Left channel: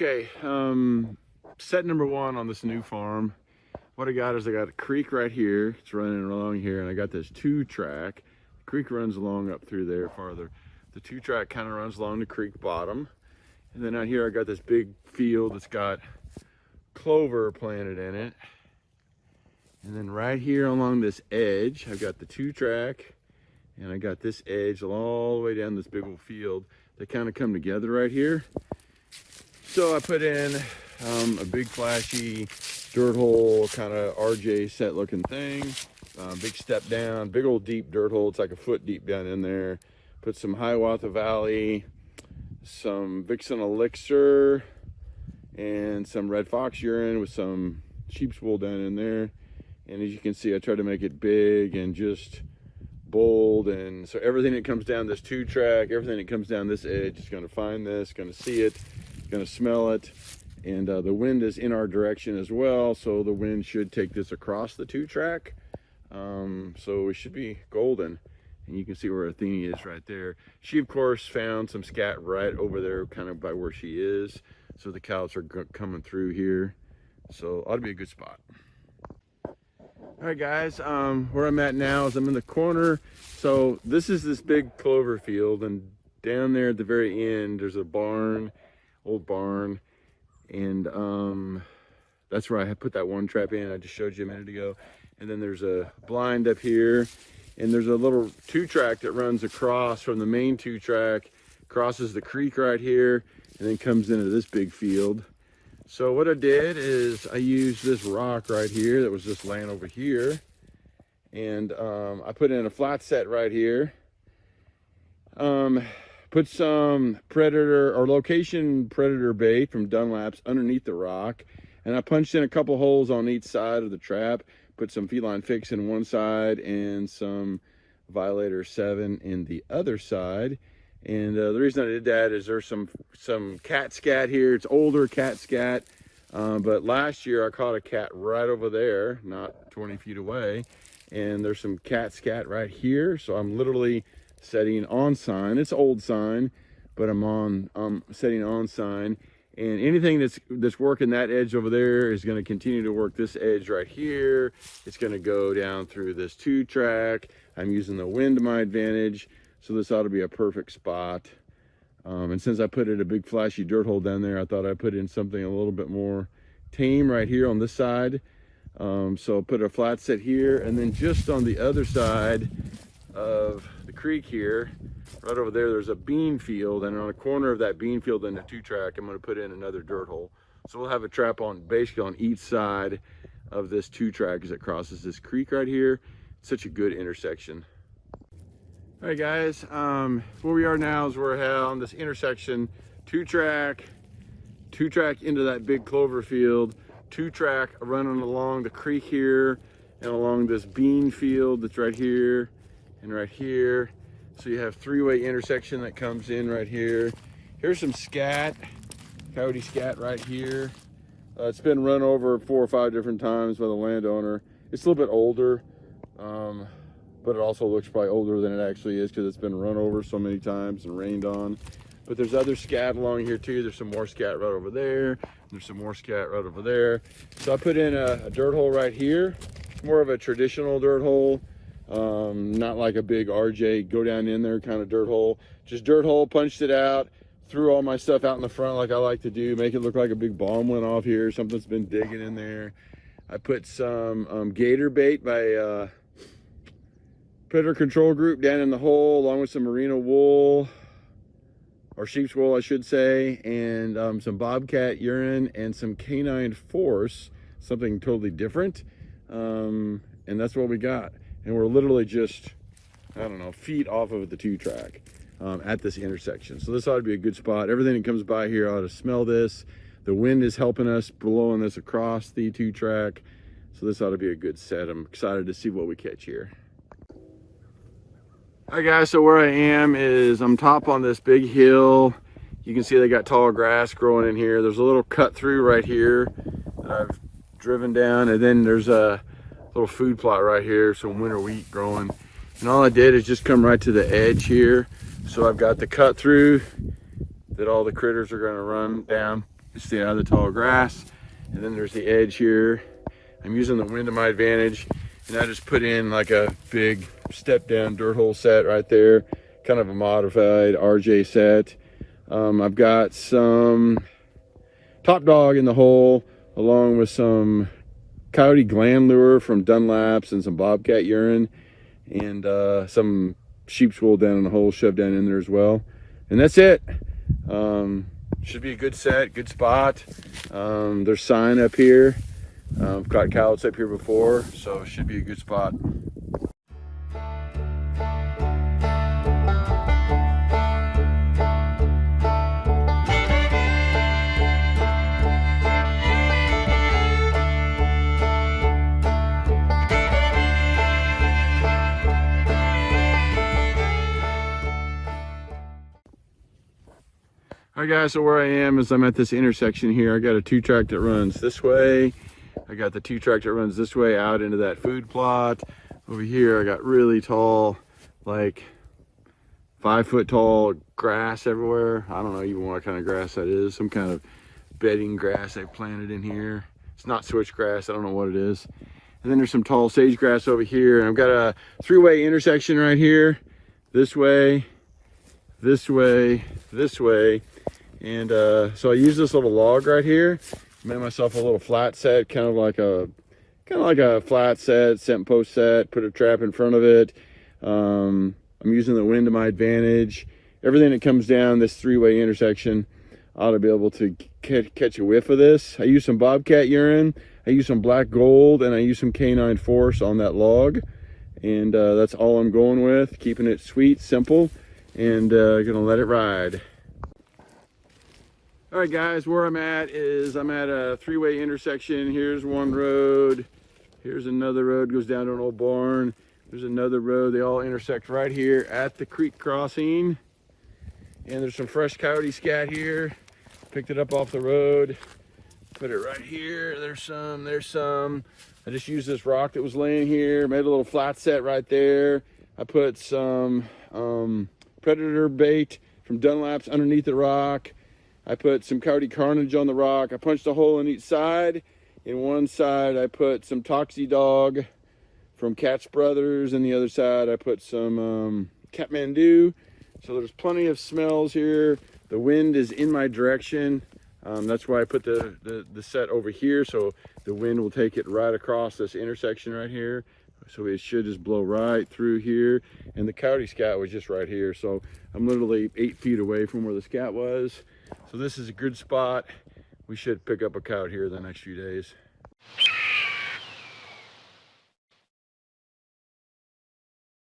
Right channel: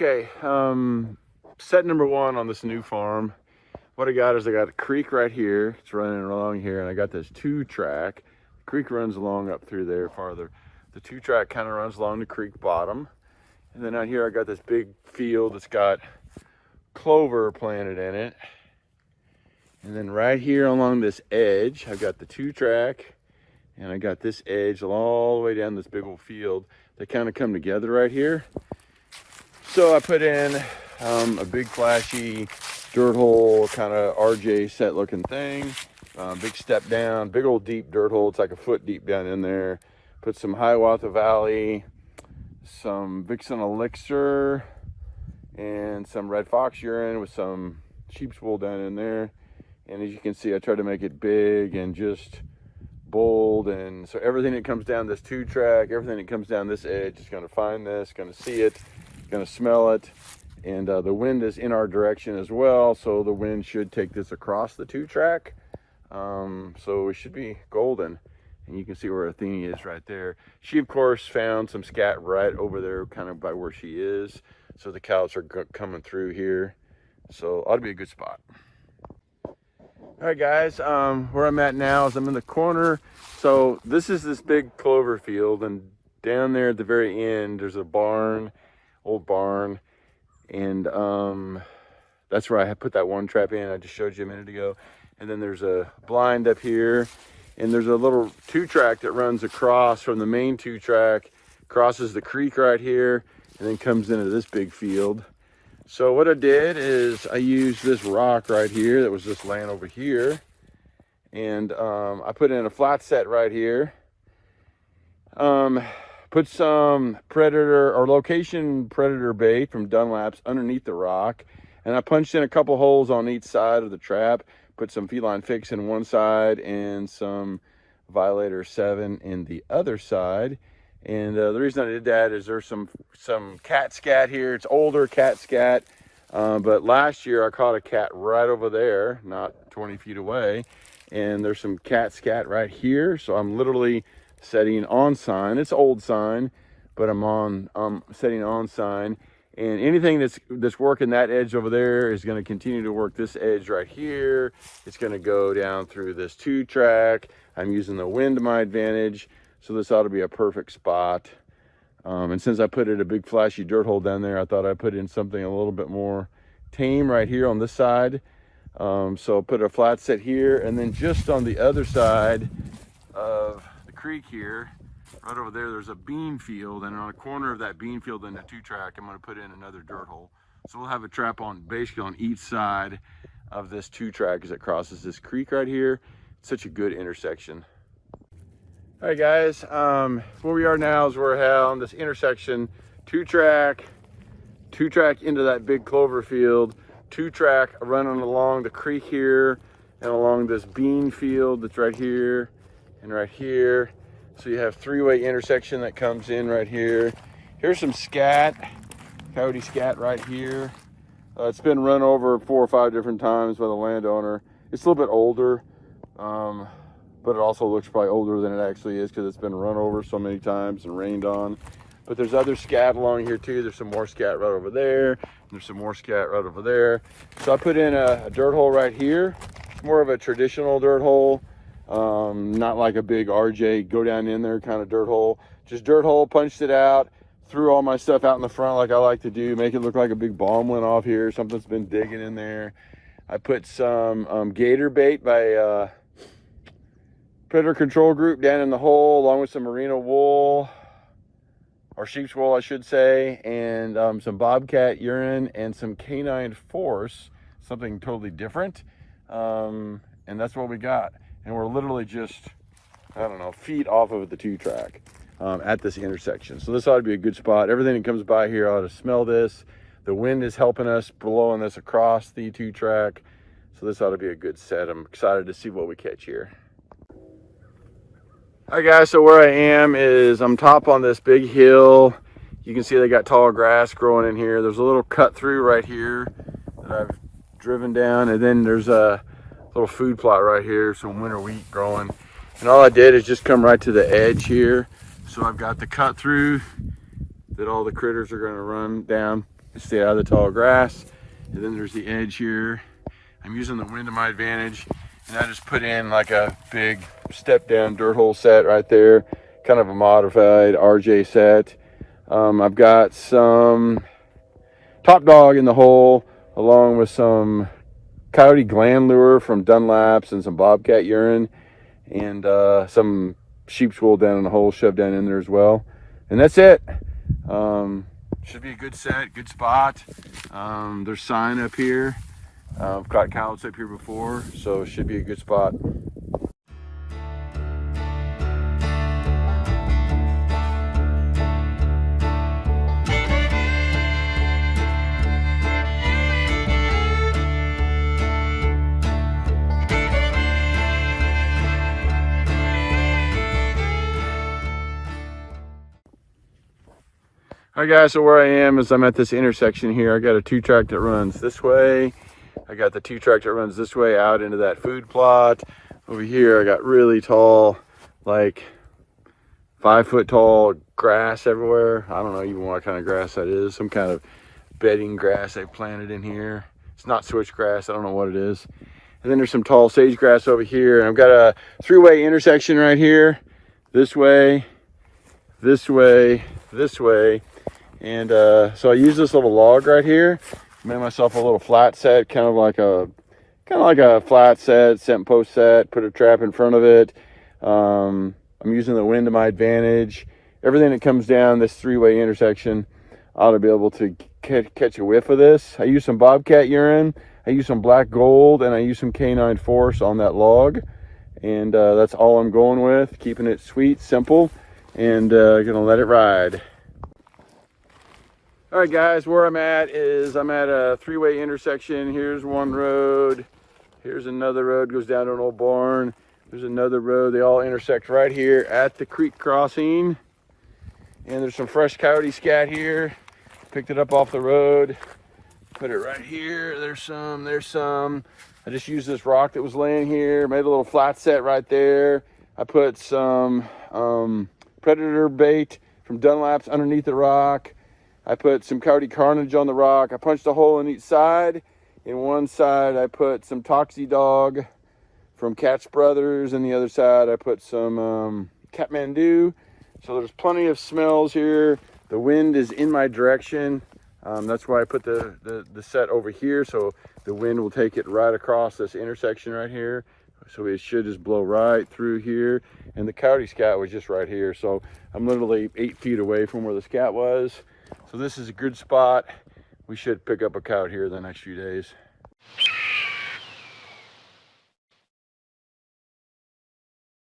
Okay, set number one on this new farm. What I got is I got a creek right here. It's running along here, and I got this 2-track. The creek runs along up through there farther. The 2-track kind of runs along the creek bottom. And then out here I got this big field that's got clover planted in it. And then right here along this edge, I've got the 2-track, and I got this edge all the way down this big old field. They kind of come together right here. So I put in a big flashy dirt hole, kind of RJ set looking thing. Big step down, big old deep dirt hole. It's like a foot deep down in there. Put some Hiawatha Valley, some Vixen Elixir, and some Red Fox urine with some sheep's wool down in there. And as you can see, I tried to make it big and just bold. And so everything that comes down this 2-track, everything that comes down this edge is going to find this, going to see it, going to smell it. And the wind is in our direction as well, so the wind should take this across the 2-track. So we should be golden. And you can see where Athene is right there. She, of course, found some scat right over there, kind of by where she is. So the cows are coming through here. So ought to be a good spot. All right, guys, where I'm at now is I'm in the corner. So this is this big clover field, and down there at the very end, there's a barn, old barn. And that's where I put that 1 trap in I just showed you a minute ago. And then there's a blind up here, and there's a little 2-track that runs across from the main 2-track, crosses the creek right here, and then comes into this big field. So what I did is I used this rock right here that was just laying over here, and I put in a flat set right here. Put some predator or location predator bait from Dunlap's underneath the rock, and I punched in a couple holes on each side of the trap. Put some Feline Fix in one side and some Violator 7 in the other side. And the reason I did that is there's some cat scat here. It's older cat scat, but last year I caught a cat right over there, not 20 feet away, and there's some cat scat right here. So I'm literally setting on sign. It's old sign, but I'm setting on sign, and anything that's working that edge over there is going to continue to work this edge right here. It's going to go down through this 2-track. I'm using the wind to my advantage, so this ought to be a perfect spot. And since I put in a big flashy dirt hole down there, I thought I'd put in something a little bit more tame right here on this side. So put a flat set here, and then just on the other side of creek here, right over there, there's a bean field, and on a corner of that bean field in the 2-track, I'm going to put in another dirt hole. So we'll have a trap on basically on each side of this 2-track as it crosses this creek right here. It's such a good intersection. All right, guys, where we are now is we're on this intersection, 2-track into that big clover field, 2-track running along the creek here and along this bean field that's right here and right here. So you have 3-way intersection that comes in right here. Here's some scat, coyote scat right here. It's been run over 4 or 5 different times by the landowner. It's a little bit older, but it also looks probably older than it actually is because it's been run over so many times and rained on. But there's other scat along here too. There's some more scat right over there. And there's some more scat right over there. So I put in a dirt hole right here. It's more of a traditional dirt hole. Not like a big RJ go down in there kind of dirt hole. Just dirt hole, punched it out, threw all my stuff out in the front like I like to do, make it look like a big bomb went off here. Something's been digging in there. I put some gator bait by Predator Control Group down in the hole, along with some merino wool, or sheep's wool I should say, and some bobcat urine and some canine force, something totally different. And that's what we got. And we're literally just, I don't know, feet off of the 2-track at this intersection. So this ought to be a good spot. Everything that comes by here ought to smell this. The wind is helping us, blowing this across the 2-track. So this ought to be a good set. I'm excited to see what we catch here. All right, guys, so where I am is I'm top on this big hill. You can see they got tall grass growing in here. There's a little cut through right here that I've driven down, and then there's a little food plot right here, some winter wheat growing. And all I did is just come right to the edge here. So I've got the cut through that all the critters are gonna run down stay out of the tall grass. And then there's the edge here. I'm using the wind to my advantage, and I just put in like a big step down dirt hole set right there, kind of a modified RJ set. I've got some Top Dog in the hole, along with some coyote gland lure from Dunlaps and some bobcat urine, and some sheep's wool down in the hole shoved down in there as well. And that's it. Should be a good set, good spot. There's sign up here. I've caught coyotes up here before, so it should be a good spot. All right guys, so where I am is I'm at this intersection here. I got a 2-track that runs this way. I got the 2-track that runs this way out into that food plot. Over here I got really tall, like 5-foot tall grass everywhere. I don't know even what kind of grass that is. Some kind of bedding grass they planted in here. It's not switchgrass, I don't know what it is. And then there's some tall sage grass over here. And I've got a 3-way intersection right here. This way, this way, this way. And so I use this little log right here, made myself a little flat set, kind of like a flat set, scent post set, put a trap in front of it. I'm using the wind to my advantage. Everything that comes down this 3-way intersection, I ought to be able to catch a whiff of this. I use some bobcat urine, I use some black gold, and I use some canine force on that log. And that's all I'm going with, keeping it sweet, simple, and gonna let it ride. All right guys, where I'm at is I'm at a 3-way intersection. Here's one road, here's another road, goes down to an old barn, there's another road. They all intersect right here at the creek crossing. And there's some fresh coyote scat here. Picked it up off the road, put it right here. There's some. I just used this rock that was laying here, made a little flat set right there. I put some predator bait from Dunlaps underneath the rock. I put some coyote carnage on the rock. I punched a hole in each side. In one side, I put some Toxie Dog from Cat's Brothers. And the other side, I put some Kathmandu. So there's plenty of smells here. The wind is in my direction. That's why I put the set over here. So the wind will take it right across this intersection right here. So it should just blow right through here. And the coyote scat was just right here. So I'm literally 8 feet away from where the scat was. So this is a good spot. We should pick up a coyote here the next few days.